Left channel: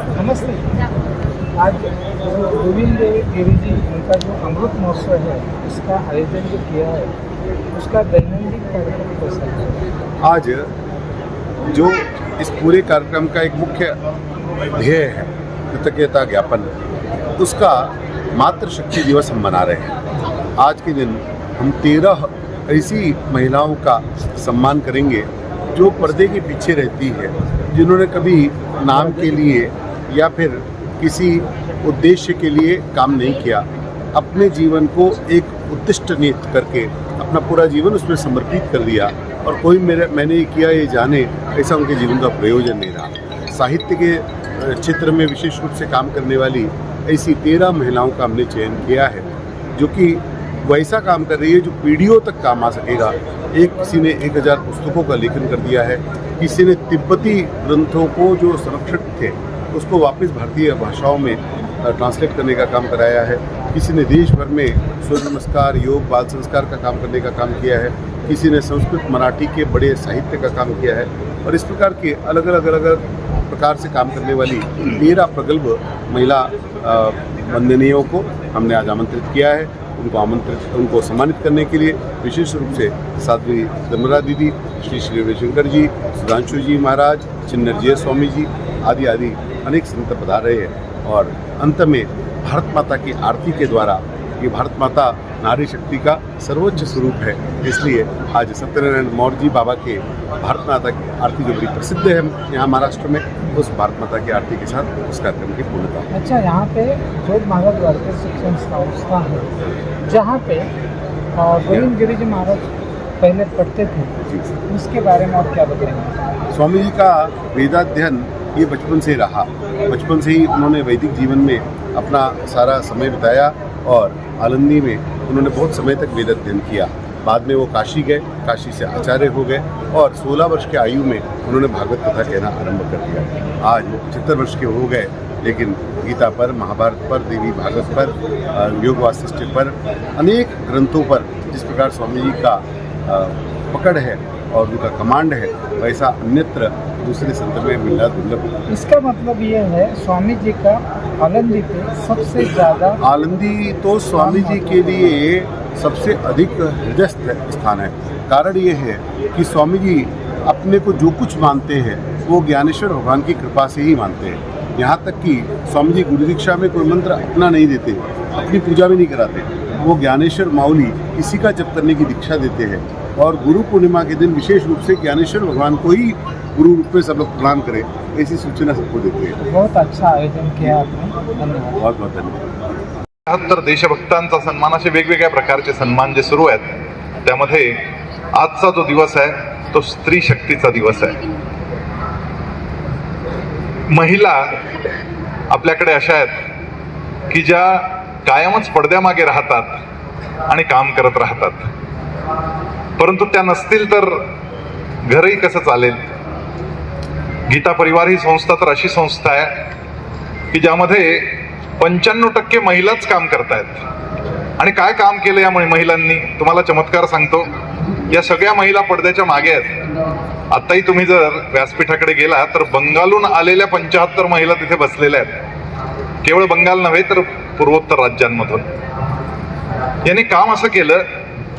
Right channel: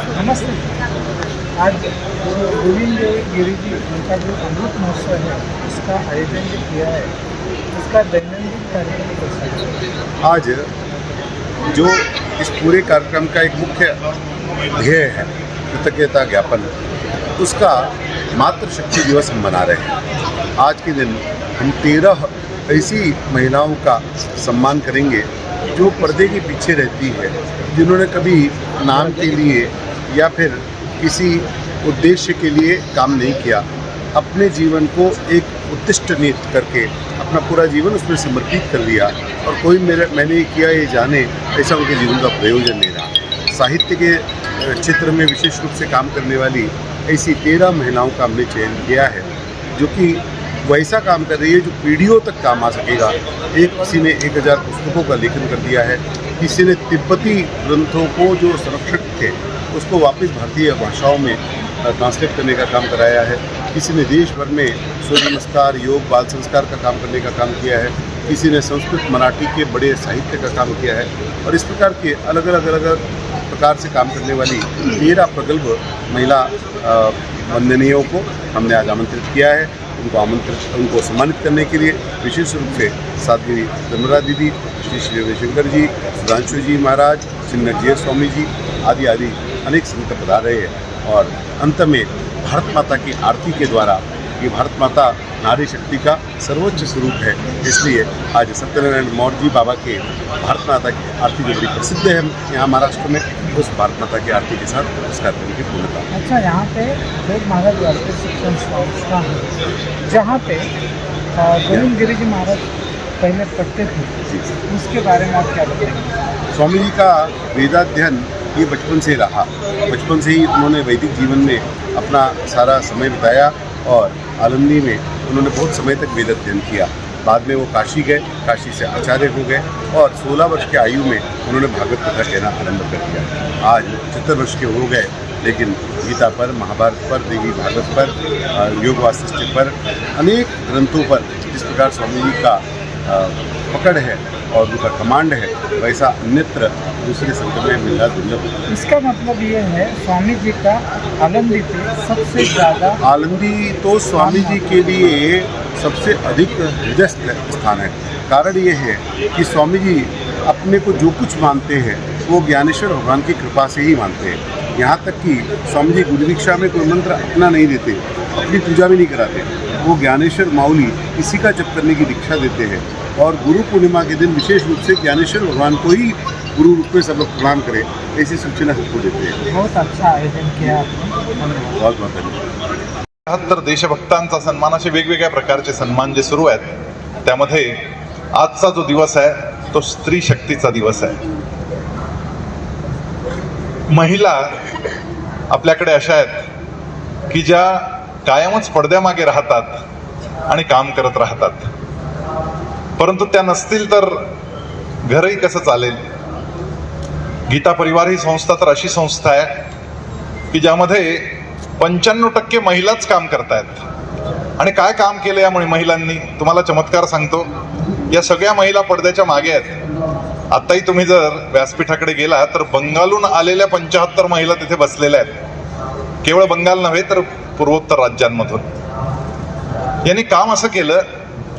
नमस्ते। आज गोविंद गिरी जी उनका जो अमृत महोत्सव है इसका आयोजन जो किया है, उसका दैनंदिन कार्यक्रम कैसा आज जो इस पूरे कार्यक्रम का एक मुख्य ध्येय है, कृतज्ञता ज्ञापन, उसका मातृशक्ति दिवस हम मना रहे हैं। आज के दिन हम तेरह ऐसी महिलाओं का सम्मान करेंगे, जो पर्दे के पीछे रहती है, जिन्होंने कभी नाम के लिए या फिर किसी उद्देश्य के लिए काम नहीं किया, अपने जीवन को एक उद्दिष्ट नियुक्त करके अपना पूरा जीवन उसमें समर्पित कर दिया और कोई मेरे, मैंने ये किया, ये जाने, ऐसा उनके जीवन का प्रयोजन नहीं रहा। साहित्य के क्षेत्र में विशेष रूप से काम करने वाली ऐसी तेरह महिलाओं का हमने चयन किया है, जो कि वैसा काम कर रही है जो पीढ़ियों तक काम आ सकेगा। एक किसी ने एक हज़ार पुस्तकों का लेखन कर दिया है, किसी ने तिब्बती ग्रंथों को जो संरक्षित थे उसको वापस भारतीय भाषाओं में ट्रांसलेट करने का काम कराया है। किसी ने देश भर में सूर्य नमस्कार, योग, बाल संस्कार का काम करने का काम किया है। किसी ने संस्कृत, मराठी के बड़े साहित्य का काम किया है। और इस प्रकार के अलग अलग अलग अलग प्रकार से काम करने वाली तेरह प्रगल्भ महिला वंदनीयों को हमने आज आमंत्रित किया है। उनको आमंत्रित, उनको सम्मानित करने के लिए विशेष रूप से साध्वी धर्मरा दीदी, श्री श्री रविशंकर जी, सुधांशु जी महाराज, चिन्नरजय स्वामी जी आदि आदि अनेक संत पधार रहे हैं और अंत में भारत माता की आरती के द्वारा ये भारत माता नारी शक्ति का सर्वोच्च स्वरूप है। इसलिए आज सत्यनारायण मौर्य जी बाबा के भारत माता की आरती जो बड़ी प्रसिद्ध है यहाँ महाराष्ट्र में उस भारत माता की आरती के साथ उस कार्यक्रम की पूर्णता। अच्छा यहाँ पे वेद महाराज भारतीय शिक्षण संस्था है जहाँ पे गोविंद गिरी जी महाराज पहले पढ़ते थे उसके बारे में आप क्या बताएँगे? स्वामी जी का वेदाध्ययन ये बचपन से रहा। बचपन से ही उन्होंने वैदिक जीवन में अपना सारा समय बिताया और आलंदी में उन्होंने बहुत समय तक वेद अध्ययन किया। बाद में वो काशी गए, काशी से आचार्य हो गए और 16 वर्ष की आयु में उन्होंने भागवत कथा कहना आरंभ कर दिया। आज वो पचहत्तर वर्ष के हो गए, लेकिन गीता पर, महाभारत पर, देवी भागवत पर योग वासिष्ठ पर अनेक ग्रंथों पर जिस प्रकार स्वामी जी का पकड़ है और उनका कमांड है वैसा अन्यत्र दूसरे संत में मिलना दुर्लभ। इसका मतलब ये है स्वामी जी का आलंदी पे सबसे ज़्यादा आलंदी तो स्वामी जी के लिए सबसे अधिक हृदयस्थ स्थान है। कारण ये है कि स्वामी जी अपने को जो कुछ मानते हैं वो ज्ञानेश्वर भगवान की कृपा से ही मानते हैं। यहाँ तक कि स्वामी जी गुरु दीक्षा में कोई मंत्र अपना नहीं देते अपनी पूजा भी नहीं कराते। वो ज्ञानेश्वर माउली इसी का जप करने की दीक्षा देते हैं। और गुरु पूर्णिमा के दिन विशेष रूप से ज्ञानेश्वर भगवान को ही गुरु रूप में सब लोग प्रणाम करें ऐसी सूचना सबको देते हैं। बहुत अच्छा आयोजन किया आपने। धन्यवाद। बहुत बहुत धन्यवाद। बहात्तर देशभक्तांचा सन्मान असे वेगवेगळ्या प्रकारचे सन्मान जे सुरू आहेत त्यामध्ये आजचा जो दिवस आहे तो स्त्री शक्तीचा दिवस आहे. महिला आपल्याकडे अशा आहेत की ज्या कायमच पडद्यामागे राहतात आणि काम करत राहतात. परंतु त्या नसतील तर घरही कसं चालेल? गीता परिवार ही संस्था तर अशी संस्था आहे की ज्यामध्ये पंच्याण्णव टक्के महिलाच काम करतायत. आणि काय काम केलं या महिलांनी? तुम्हाला चमत्कार सांगतो. या सगळ्या महिला पडद्याच्या मागे आहेत. आताही तुम्ही जर व्यासपीठाकडे गेला तर बंगालहून आलेल्या पंचाहत्तर महिला तिथे बसलेल्या आहेत. केवळ बंगाल नव्हे तर पूर्वोत्तर राज्यांमधून. यांनी काम असं केलं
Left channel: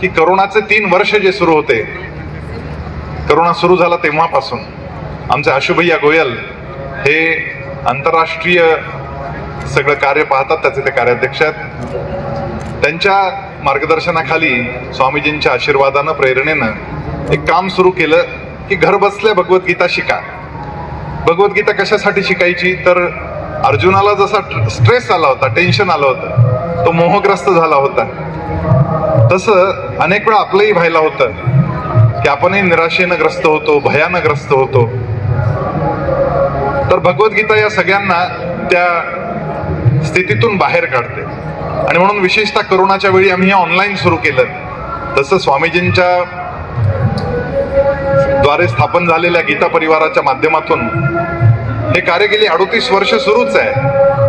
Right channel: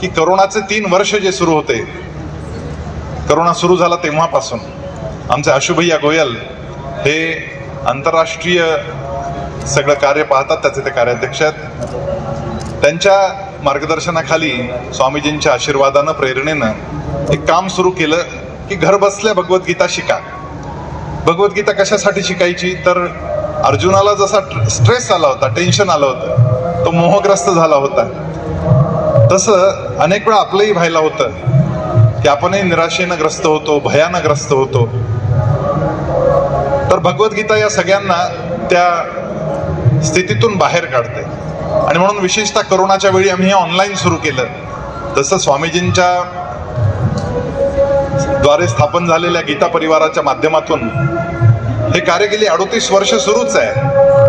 की करोनाचे तीन वर्ष जे सुरू होते करोना सुरू झाला तेव्हापासून. आमचे आशुभैया गोयल हे आंतरराष्ट्रीय सगळं कार्य पाहतात त्याचे ते कार्याध्यक्ष आहेत. त्यांच्या मार्गदर्शनाखाली स्वामीजींच्या आशीर्वादानं प्रेरणेनं एक काम सुरू केलं की घर बसल्या भगवद्गीता शिका. भगवद्गीता कशासाठी शिकायची? तर अर्जुनाला जसा स्ट्रेस आला होता टेन्शन आलं होतं तो मोहग्रस्त झाला होता. तसं अनेक वेळा आपलंही व्हायला होतं की आपणही निराशेनं ग्रस्त होतो भयानं ग्रस्त होतो. तर भगवद्गीता या सगळ्यांना त्या स्थितीतून बाहेर काढते. आणि म्हणून विशेषतः करोनाच्या वेळी आम्ही हे ऑनलाईन सुरू केलं. तसं स्वामीजींच्या द्वारे स्थापन झालेल्या गीता परिवाराच्या माध्यमातून हे कार्य गेली अडोतीस वर्ष सुरूच आहे.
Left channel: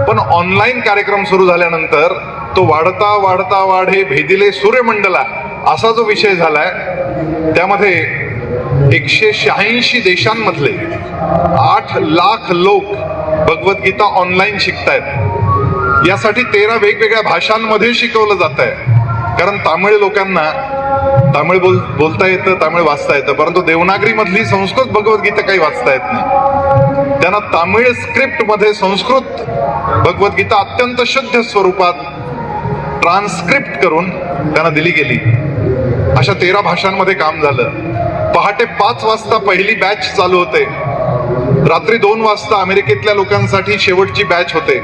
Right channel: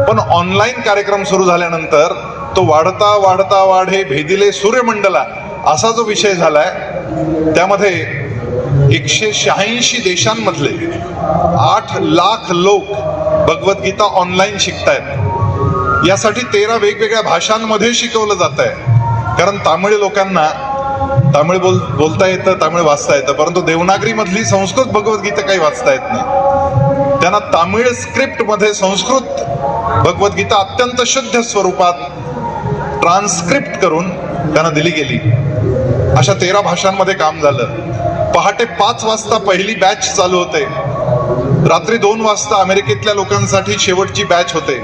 पण ऑनलाईन कार्यक्रम सुरू झाल्यानंतर तो वाढता वाढता वाढे भेदिले सूर्यमंडला असा जो विषय झालाय त्यामध्ये एकशे शहाऐंशी देशांमधले आठ लाख लोक भगवद्गीता ऑनलाईन शिकतायत. यासाठी तेरा वेगवेगळ्या भाषांमध्ये शिकवलं जात आहे कारण तामिळ लोकांना तामिळ बोल बोलता येतं तामिळ वाचता येतं परंतु देवनागरीमधली संस्कृत भगवद्गीता काही वाचता येत नाही. त्यांना तामिळ स्क्रिप्टमध्ये संस्कृत भगवद्गीता अत्यंत शुद्ध स्वरूपात ट्रान्स्क्रिप्ट करून त्यांना दिली गेली. अशा तेरा भाषांमध्ये काम झालं. पहाटे पाच वाजता पहिली बॅच चालू होते. रात्री दोन वाजता अमेरिकेतल्या लोकांसाठी शेवटची बॅच होते.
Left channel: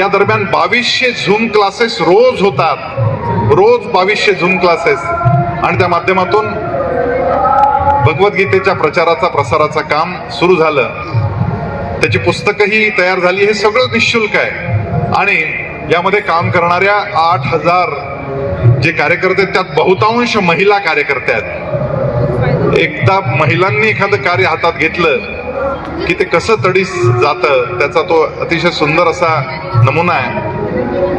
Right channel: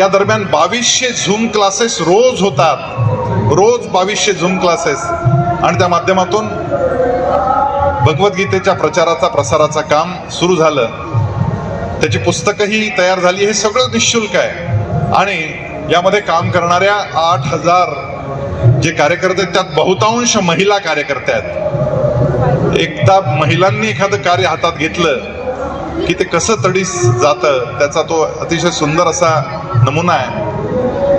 या दरम्यान बावीसशे झूम क्लासेस रोज होतात. रोज बावीसशे झूम क्लासेस आणि त्या माध्यमातून भगवद्गीतेच्या प्रचाराचा प्रसाराचं काम सुरू झालं. त्याची पुस्तकंही तयार झाली. हे सगळं निशुल्क आहे. आणि यामध्ये काम करणाऱ्या आठ हजार जे कार्यकर्ते आहेत, त्यात बहुतांश महिला कार्यकर्ते आहेत. एकदा महिलांनी एखादं कार्य हातात घेतलं की ते कसं तडीस जातं त्याचा तो अतिशय सुंदर असा नमुना आहे.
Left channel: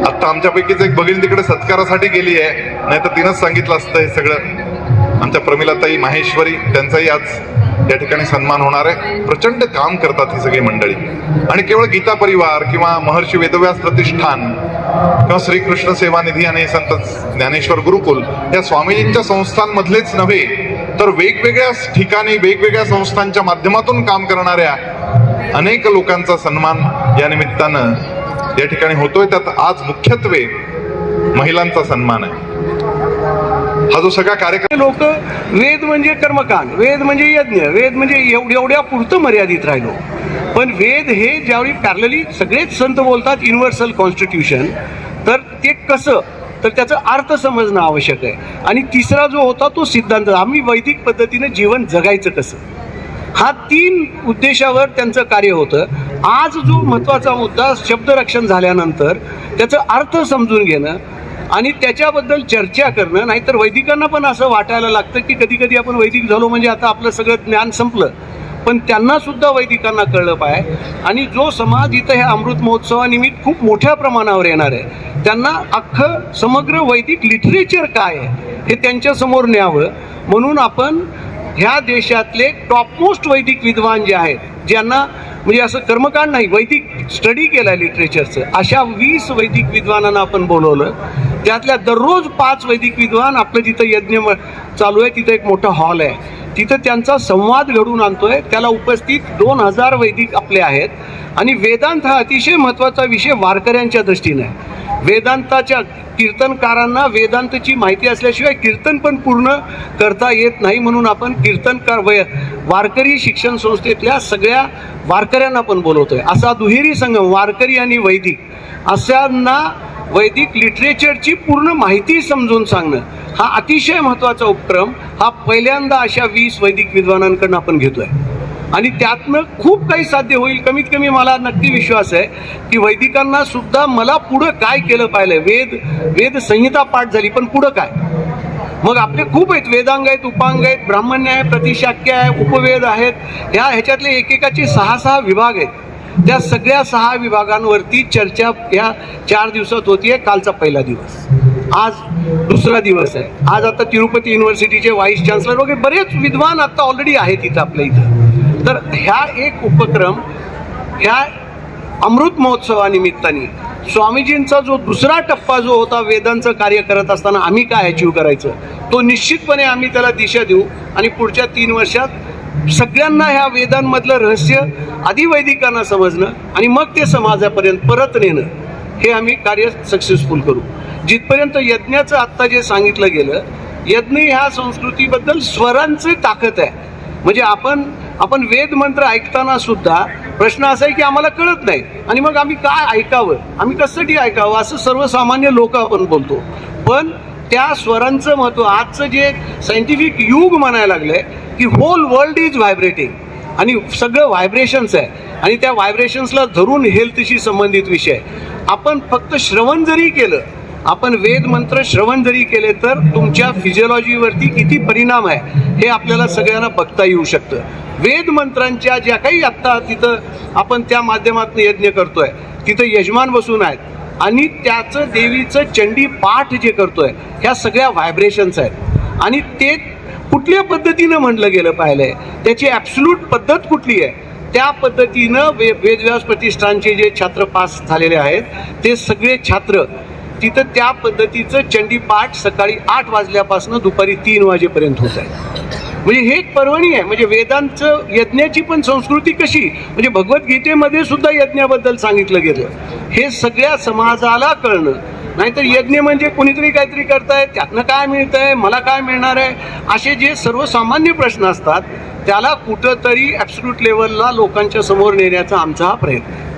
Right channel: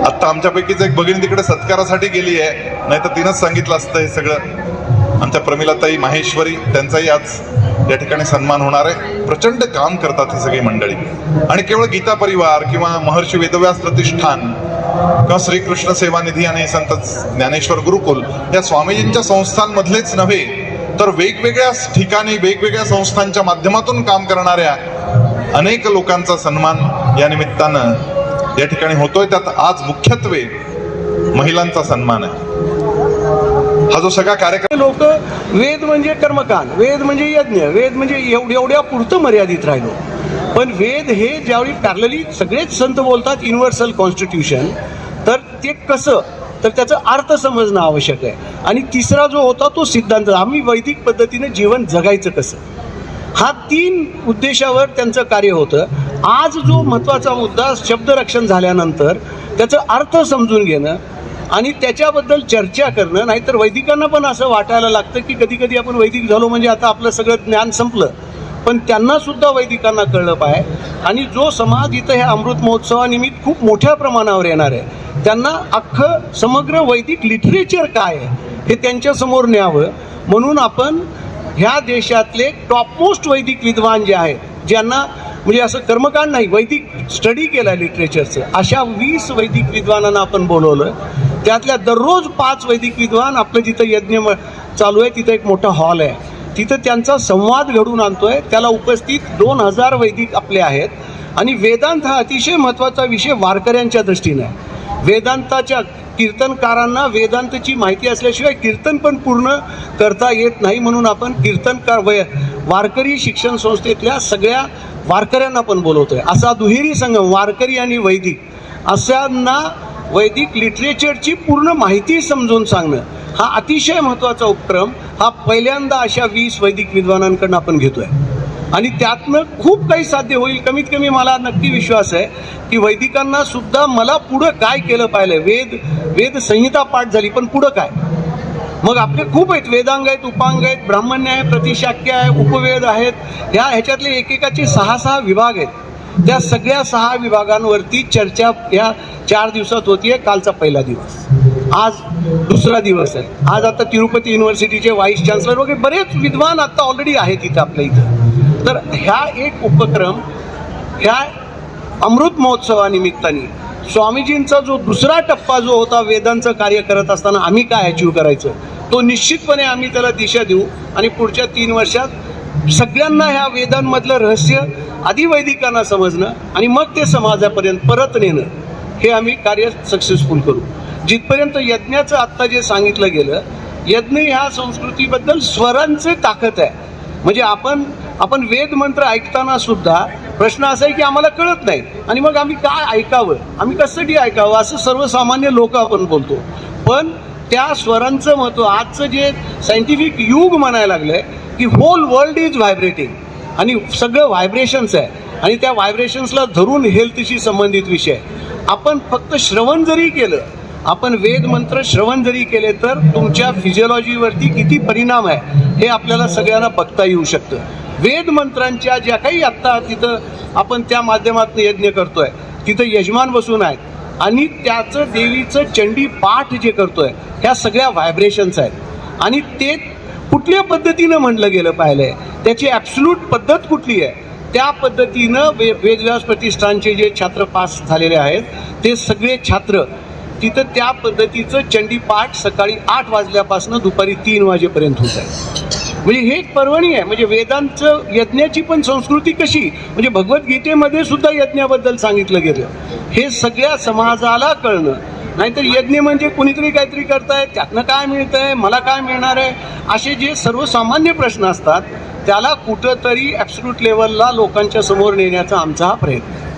आत्ता आमच्यापैकीच एक भगिनी तिकडे सत्कारासाठी गेली आहे. नाही तर तिनंच सांगितलं असतं हे सगळं. आमच्या प्रमिलाताई माहेश्वरी त्यांचाही आज त्या ठिकाणी सन्मान होणार आहे. प्रचंड काम करतात ही सगळी मंडळी. आणि केवळ गीता परिवार किंवा महर्षी वेदव्यास प्रतिष्ठान किंवा श्रीकृष्ण सेवा निधी आणि संत ज्ञानेश्वर गुरुकुल या स्वामीजींच्या संस्थांमधलेच नव्हे तर वेगवेगळ्या ठिकाणी वेगवेगळ्या संस्थांच्या माध्यमातून काम करणाऱ्या अनेक लोकांचा सन्मान या निमित्तानं या ठिकाणी होतोय. त्यात आज मुख्यत्वे महिलांचा सन्मान आहे. हा जो सगळा कार्यक्रम लोक वेद म्हणजे कर्मकांड वेद म्हणजे यज्ञ वेद म्हणजे एवढ्या पुरतं मर्यादित राहिलं. पण वेद हे ज्यावेळी पॅरलली सगळेच संत बोलतात युनिव्हर्सल कॉन्स्टिट्यूशन तर ते कसं? तर त्याचा अर्थ समजणं आवश्यक आहे. आणि तिसरा जो होता तो सिद्धांत आम्ही वैदिक पद्धतीनं जीवन जगायचं कसं? हा तीन उद्देशावर त्यांचं कार्य होतं. आज जो महत्त्वाचा मुद्दा शब्दरक्षण झाल्यानंतर त्याचं अर्थ समजून घेणं आणि त्याच्याबद्दल चर्चा करणं नाहीतर वैदिकांना पण असं वाटायला लागतं की कधी कधी आपण वैदिक झालो म्हणजे आता आपलं सगळं ज्ञान संपलं. पण त्यांना सुद्धा वैदिकांना कळलं पाहिजे आणि जो समाज इथं ह्या अमृत महोत्सवानिमित्त खूप मोठ्या प्रमाणावर येणार आहे त्यांना अख्खं समग्र वैदिक लिटरेचर काय आहे हे त्यांच्यासमोर न्यावं. म्हणून आपण ह्या देशातले टॉपमोस्ट वैदिक विद्वान जे आहेत ज्यांना म्हणजे असं कर्मकांड नाही वैदिक स्टडी केला लिटरेचरचं अशा वीस वैदिक विद्वानांना आपण बोलवलं. त्यातल्या दररोज पाच वैदिक विद्वान आपलं जिथं यज्ञ म- चालू आहे तिथं एक मोठा हॉल आहे. तिथं त्यांचा संवाद घडून आणतोय. त्याला उपस्थित दोन हजार वैदिक आपले आहेत. आणि वेदांत हा अतिशय महत्त्वाचा विषय वारकऱ्यांच्या दृष्टीने आहे. वेदांताच्या कीर्तनकारांना वेदांतची माहिती असल्याशिवाय कीर्तन पण पूर्ण करता येत नाही म्हणून आपण कीर्तनकार वय वारकरी शिक्षण संस्थेतल्या सगळ्या वारकऱ्यांना पण बोलवतोय. असा दुहेरी संगम वारकरी आणि वैदिक अशांना वैदिक लिटरेचरची पूर्ण माहिती समजून सांगणं हा अतिशय महत्त्वाचा उपक्रम. हा पहिल्यांदा अशा वीस वैदिक विद्वानांकडून आपण घेतोय. आणि त्यातनं खूप काही साध्य होईल. कमीत कमी मला नक्की विश्वास आहे की वैदिकांना सुद्धा मला पुढं काय केलं पाहिलं? वेद वेद संहिता पाठ झाली पण पुढं काय? मग आपले खूप आहेत. वेदांग आहेत उपांग आहेत ब्राह्मण्य आहे प्रतिशाक्य आहे उपवेद आहेत. ह्या ह्याच्यातले एकेकाचे सहा सहा विभाग आहेत. त्या सगळ्या सहा विभागांवरती चर्चा या चार दिवसात होतीये कालचा पहिला दिवस. आज दुसरा दिवस आहे. आज आता तिरुपती युनिव्हर्सिटीचे व्हाईस चान्सलर वगैरे बरेच विद्वान आता ऑलरेडी आहेत इथं आपल्या इथं. तर ह्या एक उपक्रम ह्या अमृत महोत्सवानिमित्ताने स्वामीजींचा जो दुसरा टप्पा जो होता वेदांचं कार्य करत असताना आम्ही काय अचीव करायचं तो निश्चितपणे आम्ही त्याला दिशा देऊ. आणि पुढच्या तीन वर्षात सगळ्यांना ह्या वेदांमधलं रहस्य आधी वैदिकांना समजणं आणि मग ते समाजापर्यंत परत नेणं हे आम्ही कार्य सक्सेसफुल करू. जिथपर्यंत यज्ञाचं आत्ता जे सांगितलं गेलं यज्ञ ह्या संस्कृतीबद्दल स्वरांचे ताकद आहे. म्हणजे आपण आपण वेद मंत्र ऐकताना सुद्धा प्रश्न असा आहे की आम्हाला कळत नाही. आणि मग आम्ही काय ऐकावं? आम्ही कशासाठी ऐकावं? असं सर्वसामान्य लोक आपण बोलतो. पण त्या स्वरांचं महत्त्व आजचं जे सायंटिफिक युग म्हणायला लागलंय की होल वर्ल्ड इज व्हायब्रेटिंग आणि सगळं व्हायब्रेशन्स आहे. आणि त्या व्हायब्रेशन्सला धरून हेल्थशी संबंधित विषय आपण फक्त श्रवण जरी केलं आपण वेद मंत्र श्रवण जरी केले तर तुमच्या फिजिओलॉजीवरती किती परिणाम आहे हे आपल्याला सगळ्यांना बघता येऊ शकतं. वेद मंत्रांच्या ज्या काही आत्ता तिथं आपण त्या माध्यमातून यज्ञ करतोय तिथं यजमान बसून आहेत. आणि त्याचं देवीचं चंडी पाठ जे करतोय ह्या सगळ्या व्हायब्रेशन्स आहेत. आणि ते कुठल्या पद्धतीनं म्हणलं गेलं पाहिलंय त्याची ॲब्सल्यूट पद्धत कुठली आहे त्या पद्धतीनं वे वेदव्यास प्रतिष्ठानचे जे छात्र पास झालेले आहेत ते सगळे छात्र तिथं त्या पद्धतीचं चंडीपाठ सकाळी आठ वाजल्यापासून दुपारी तीन वाजेपर्यंत होत आहे म्हणजे हे एक पर्वणी आहे. म्हणजे वेदांचं यज्ञाची पण संस्कृती कशी? म्हणजे भगवद्गीतेमध्ये सुद्धा यज्ञाबद्दल सांगितलं गेलं. हे सगळ्या समाजाला कळणं नाहीतर यज्ञ म्हणजे कुणीतरी काहीतरी करताय त्यातनं काय मिळतंय मला काय मिळणार आहे? असे जे सर्वसामान्य प्रश्न असतात त्याला कुठंतरी ॲब्सल्यूट लेवलला लोकांच्या समोर नेण्याचा आमचा हा प्रयत्न.